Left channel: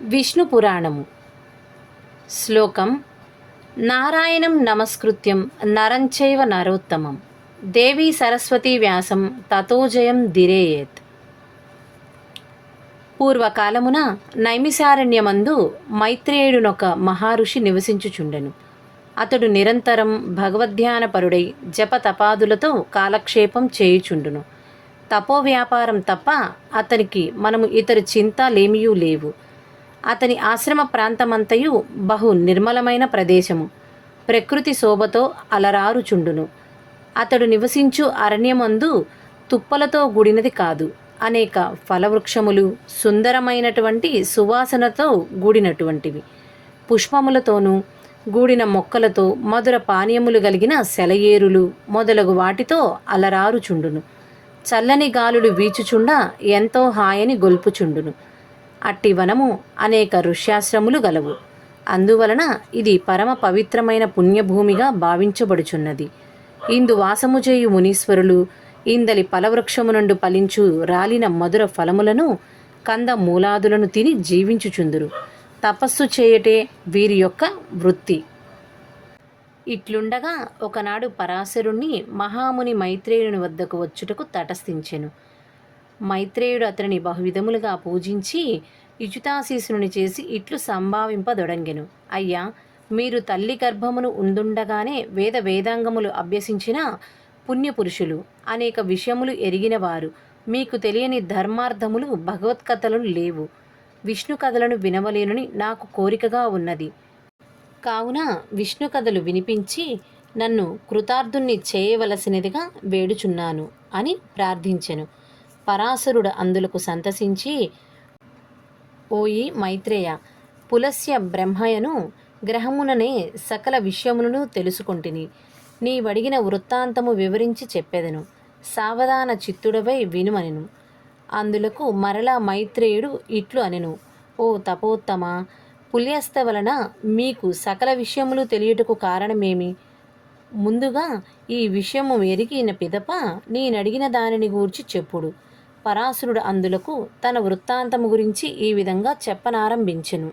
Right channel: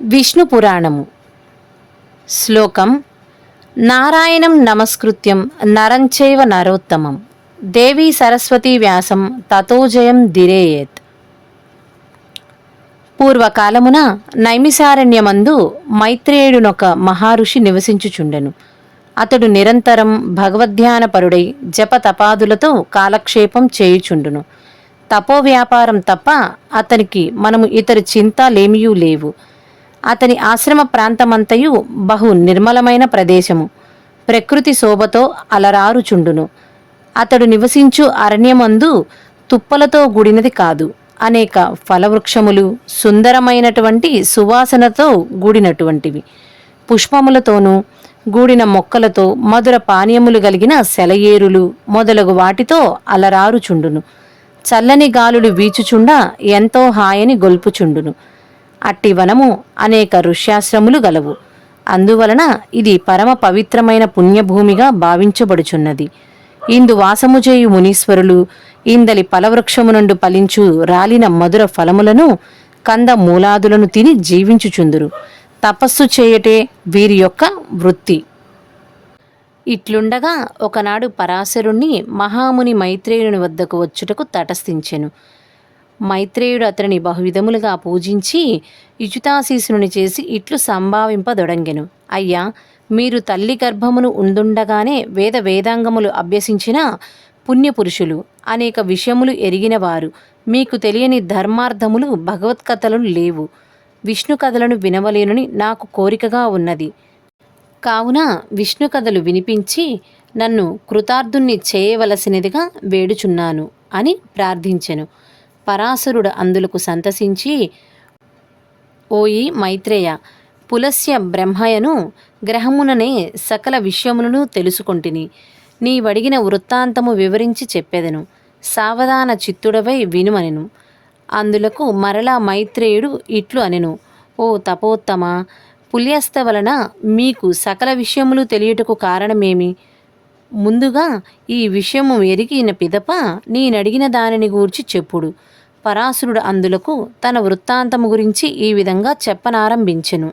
విష్ణు పురాణము. శ్లోకం: నారాయణం నమస్కృత్యం నరంచైవ నరోత్తమం దేవీ సరస్వతీ వ్యాసం తతో జయం దిరేయేత్. పూర్వకాలమున నైమిసారణ్యమందు మైత్రేయుడునొక మహారుషి నివసించుచుండెను. అతడు నిరంతరం భగవద్ధ్యానపరుడై జపతపాదులతో కాలక్షేపం చేయుచుండును. తపో వ్యాపారం తప్ప అతనికి మనము ఇతర చింతలేమియూ లేవు. అతని ఆశ్రమ ప్రాంతమంతయు బహు నిర్మలమైన ప్రదేశము, ప్రకృతి శోభతో అలరారుచుండును. అతడు నివసించు అరణ్యమందు తుప్పలతో కూడినది కాదు, అనేక ఫలవృక్షములు, సుందరమైనటువంటి సువాసనతో కూడినటువంటివి, పుష్పములతోనూ గూడిన మొక్కలతో, మధుర పానీయములు కలిగిన సెలయేరులు మొదలగు వాటితో అలరారుచుండును. చల్లని గాలులు వీచుచుండా ఎంతో హాయని గొల్పుచుండును. అట్టి వనము అనేక ఋష్యాశ్రములు గలవు. అందువలన ఇది పరమ పవిత్రమైన పుణ్యభూమిగా భావించబడుచున్నది. ఇందు వాసము చేయు మునీశ్వరులు ఇందలి ఫలవృక్షము నుండి ఫలించు రాలిన మధుర ఫలములను, కంద మూలాదులను తిని జీవించుచుందురు. తపస్సు చేయటే వీరి యొక్క వృత్తి. ఇట్లుండగా ఒకనాడు పరాశరుణ్ణి మహాముని మైత్రేయుని వద్దకు వచ్చుటకు తటస్థించెను. మైత్రేయుడు అతనిని బహువిధములుగా పూజించి ఇచుతాశీసుని చేసి ఇట్లు సంభావింపదొడంగెను: అయ్యా, మీరు తల్లి గర్భమును ఉండుండగానే వేదాంగములు అభ్యసించిన పుణ్యపురుషులు, అనేక విషయములు ఎరిగినవారు. మీకు తెలియని ధర్మార్థములు, భగవత్కథలు లేవు. విష్ణు కథలను వినవలేనని నాకు కోరికగా ఉన్నది. కావున విష్ణు కథలు వినిపించి నన్ను కృతార్థుణ్ణి చేయవలసినదిగా వేడుచున్నాను అని ప్రార్థించెను. పరాశరుడు అందులకు సంతసించి: ఓయి మైత్రేయ, పులస్య బ్రహ్మయను గ్రహముననే సకల విషయములను తెలుసుకొంటిని. నీవడిగిన వృత్తాంతము వివరించి చెప్పెదను, సావధాన చిత్తుడవై వినుమనెను. అందులకు మరలా మైత్రేయుడు ఇట్లు అనెను: ఓ తపోత్తమ, పుల్యస్త వలన మీకు సకల విషయములు తెలియుటకు కారణమేమి? ముందుగా ఈ విషయము ఎరిగిన పిదప నేనడిగిన దానిని గూర్చి చెప్పుడు. పరాశరుడు అందులకు తన వృత్తాంతము గురించి ఈ విధంగా చెప్పనారంభించెను.